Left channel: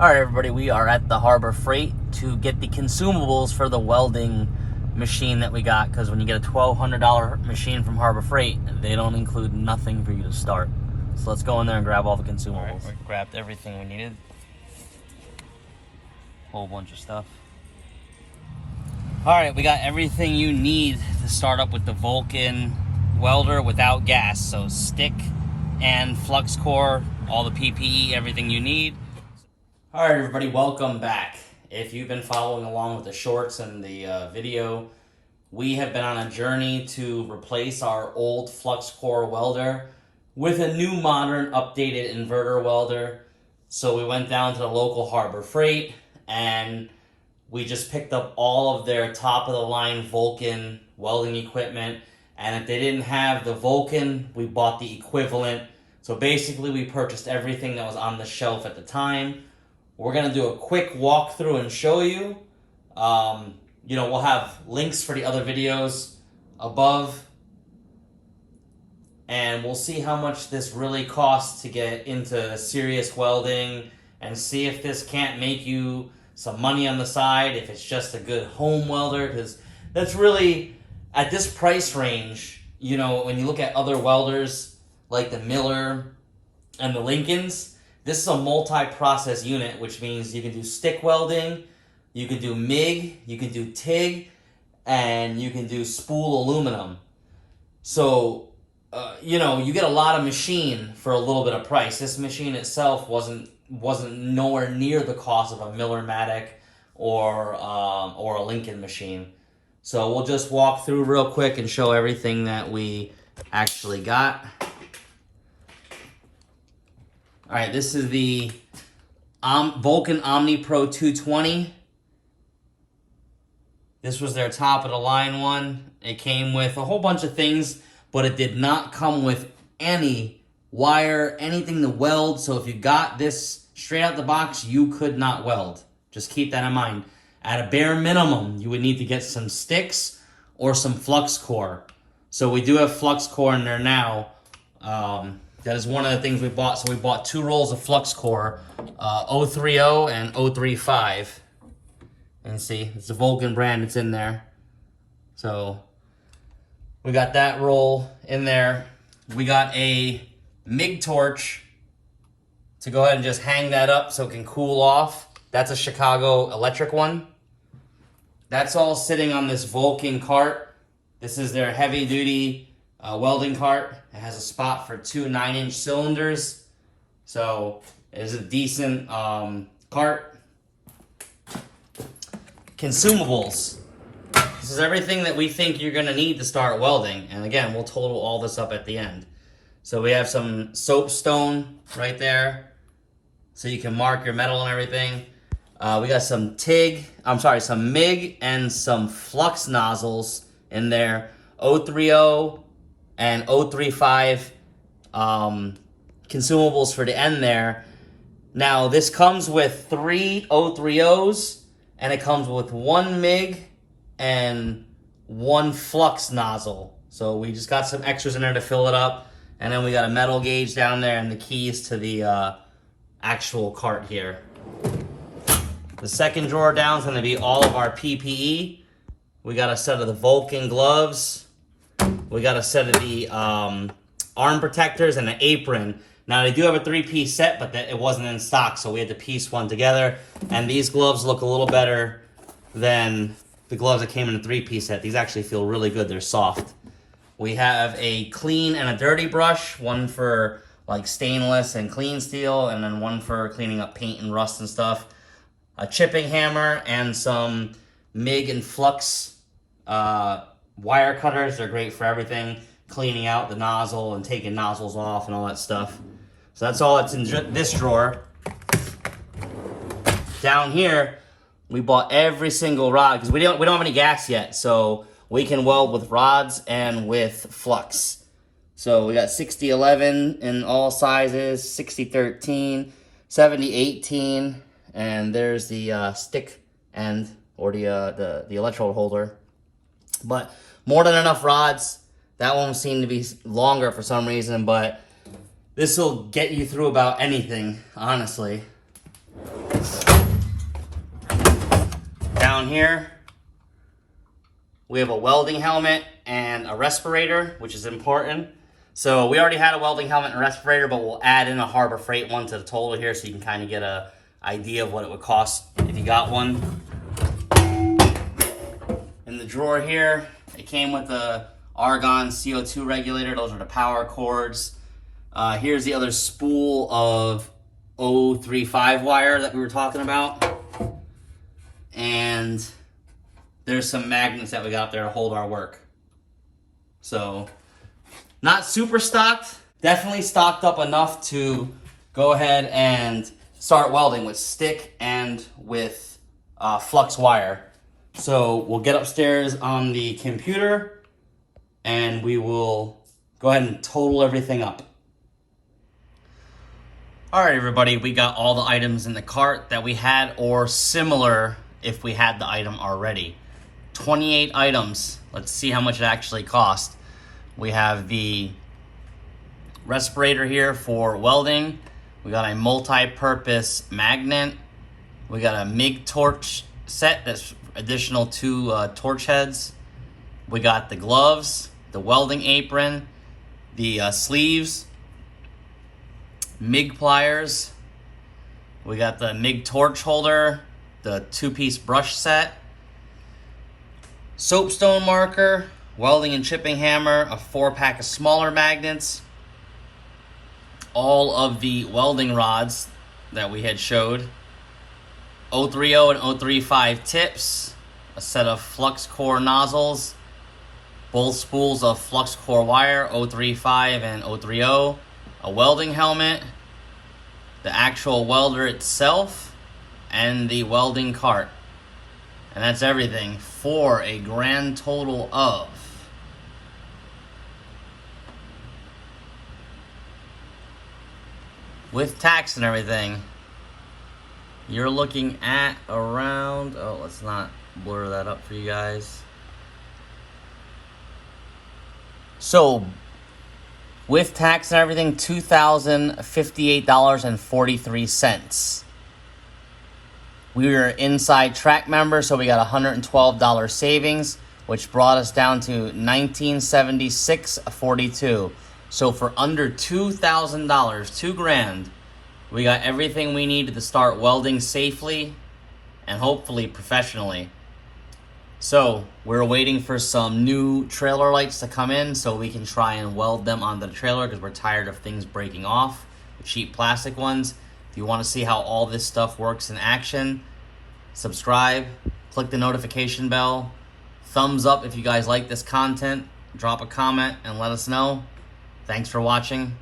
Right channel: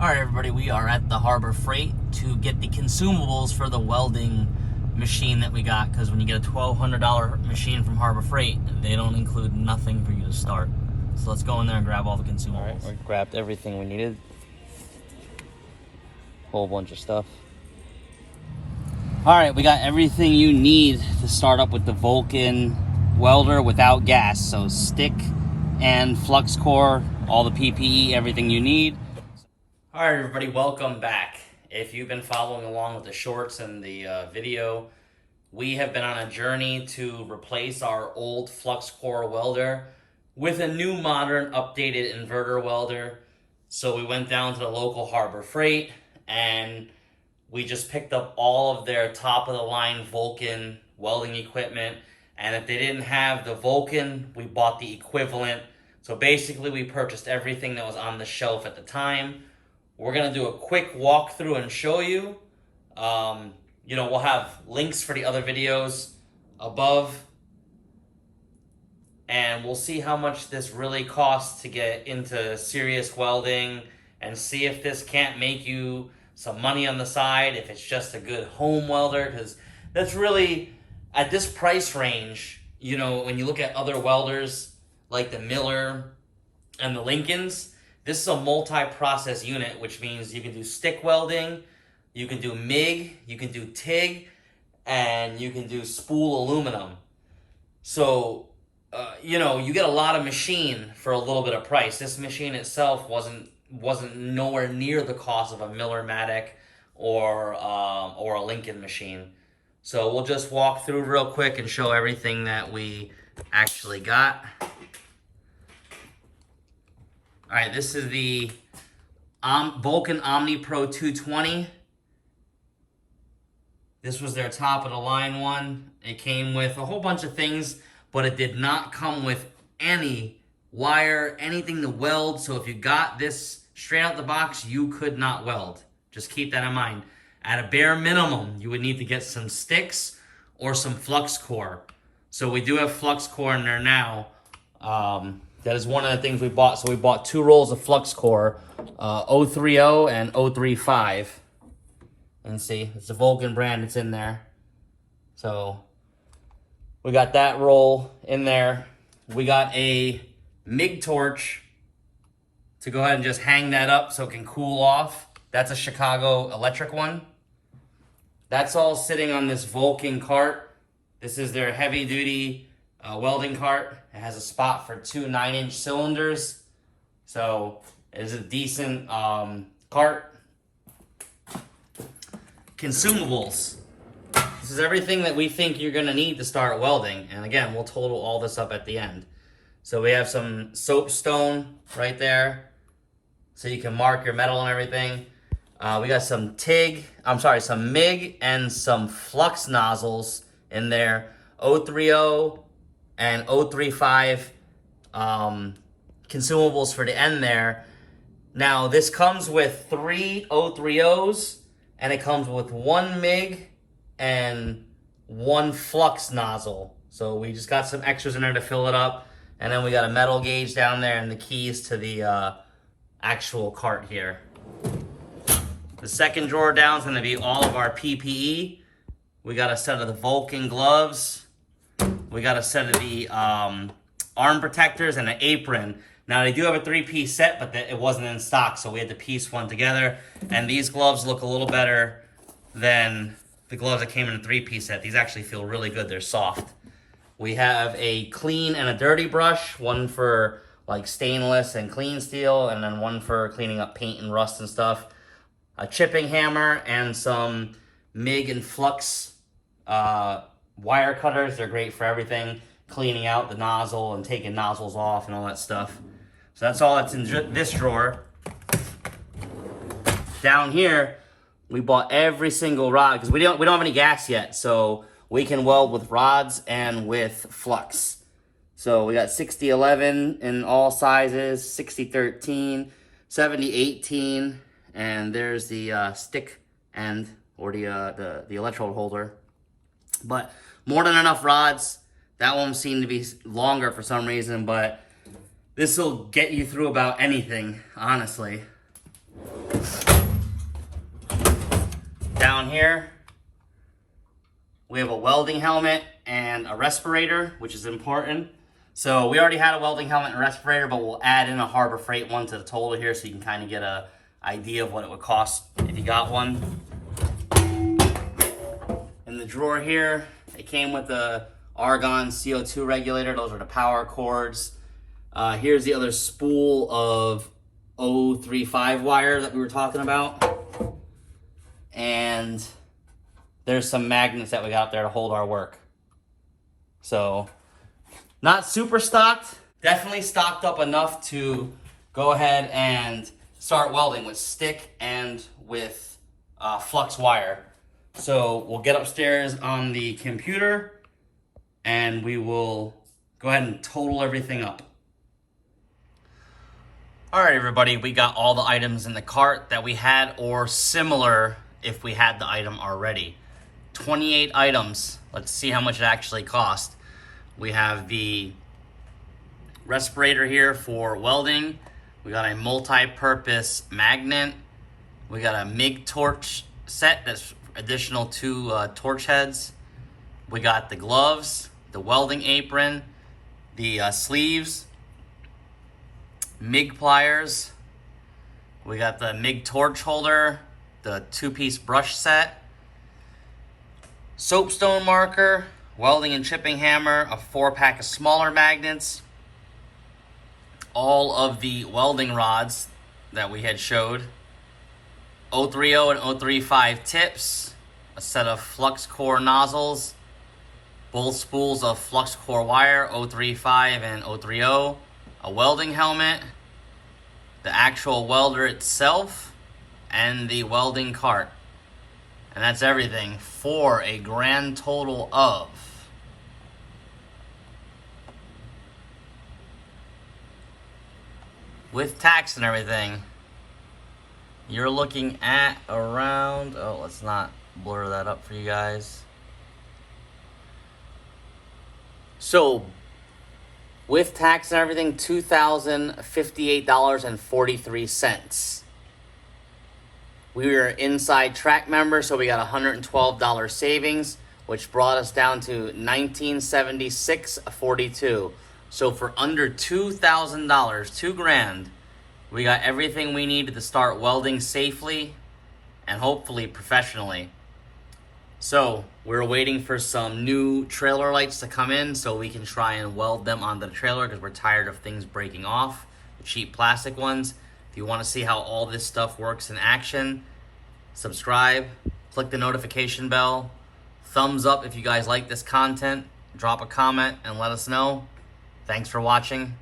All right, everybody, we are at the Harbor Freight to get the consumables for the welding machine that we got, because when you get a $1,200 machine from Harbor Freight, they don't include nothing for you to start. So let's go in there and grab all the consumables. Right, we grabbed everything we needed. Whole bunch of stuff. All right, we got everything you need to start up with the VULCAN welder without gas. So stick and flux core, all the PPE, everything you need. All right, everybody, welcome back. If you've been following along with the shorts and the video, we have been on a journey to replace our old flux core welder with a new modern updated inverter welder. So we went down to the local Harbor Freight and we just picked up all of their top of the line VULCAN welding equipment. And if they didn't have the VULCAN, we bought the equivalent. So basically we purchased everything that was on the shelf at the time. We're gonna do a quick walkthrough and show you. We'll have links for the other videos above. And we'll see how much this really costs to get into serious welding and see if this can't make you some money on the side, if it's just a good home welder, because that's really, at this price range, when you look at other welders like the Miller and the Lincolns, this is a multi-process unit, which means you can do stick welding, you can do MIG, you can do TIG, and you can do spool aluminum. So, you get a lot of machine for a little bit of price. This machine itself wasn't nowhere near the cost of a Miller-Matic or a Lincoln machine. So we'll just walk through real quick and show everything that we actually got. All right, this is the VULCAN Omni Pro 220. This was their top of the line one. It came with a whole bunch of things, but it did not come with any wire, anything to weld. So if you got this straight out the box, you could not weld. Just keep that in mind. At a bare minimum, you would need to get some sticks or some flux core. So we do have flux core in there now. That is one of the things we bought. So we bought 2 rolls of flux core, 030 and 035. And see, it's the VULCAN brand, it's in there. So we got that roll in there. We got a MIG torch to go ahead and just hang that up so it can cool off. That's a Chicago electric one. That's all sitting on this VULCAN cart. This is their heavy duty welding cart. It has a spot for 2 9-inch cylinders. So it is a decent cart. Consumables. This is everything that we think you're gonna need to start welding. And again, we'll total all this up at the end. So we have some soapstone right there, so you can mark your metal and everything. We got some some MIG and some flux nozzles in there. 030 and 035 consumables for the end there. Now this comes with 3 030s and it comes with 1 MIG and 1 flux nozzle. So we just got some extras in there to fill it up. And then we got a metal gauge down there and the keys to the actual cart here. The second drawer down is going to be all of our PPE. We got a set of the VULCAN gloves. We got a set of the arm protectors and an apron. Now they do have a 3-piece set, but it wasn't in stock, so we had to piece one together. And these gloves look a little better than the gloves that came in a 3-piece set. These actually feel really good. They're soft. We have a clean and a dirty brush, one for like stainless and clean steel, and then one for cleaning up paint and rust and stuff. A chipping hammer and some MIG and flux wire cutters. They're great for everything, cleaning out the nozzle and taking nozzles off and all that stuff. So that's all that's in this drawer. Down here, we bought every single rod because we don't have any gas yet, so we can weld with rods and with flux. So we got 6011 in all sizes, 6013, 7018, and there's the stick end or the electrode holder. But more than enough rods. That one seemed to be longer for some reason, but this will get you through about anything, honestly. down here, we have a welding helmet and a respirator, which is important. So we already had a welding helmet and respirator, but we'll add in a Harbor Freight one to the total here so you can kind of get an idea of what it would cost if you got one. In the drawer here, it came with the argon CO2 regulator. Those are the power cords. Here's the other spool of 035 wire that we were talking about. And there's some magnets that we got there to hold our work. So, not super stocked. Definitely stocked up enough to go ahead and start welding with stick and with flux wire. So we'll get upstairs on the computer and we will go ahead and total everything up. All right, everybody, we got all the items in the cart that we had or similar if we had the item already. 28 items. Let's see how much it actually cost. We have the respirator here for welding. We got a multi-purpose magnet. We got a MIG torch set that's additional 2 torch heads. We got the gloves, the welding apron, the sleeves, MIG pliers. We got the MIG torch holder, the 2-piece brush set, soapstone marker, welding and chipping hammer, a 4-pack of smaller magnets, all of the welding rods that we had showed, 030 and 035 tips, a set of flux core nozzles, both spools of flux core wire, 035 and 030, a welding helmet, the actual welder itself, and the welding cart. And that's everything for a grand total of with tax and everything, you're looking at around, oh, let's not blur that up for you guys. So, with tax and everything, $2,058.43. We were inside track member, so we got $112 savings, which brought us down to $1,976.42. So for under $2,000, $2,000, we got everything we needed to start welding safely and hopefully professionally. So we're waiting for some new trailer lights to come in so we can try and weld them onto the trailer because we're tired of things breaking off, the cheap plastic ones. If you want to see how all this stuff works in action, subscribe, click the notification bell, thumbs up if you guys like this content, drop a comment and let us know. Thanks for watching.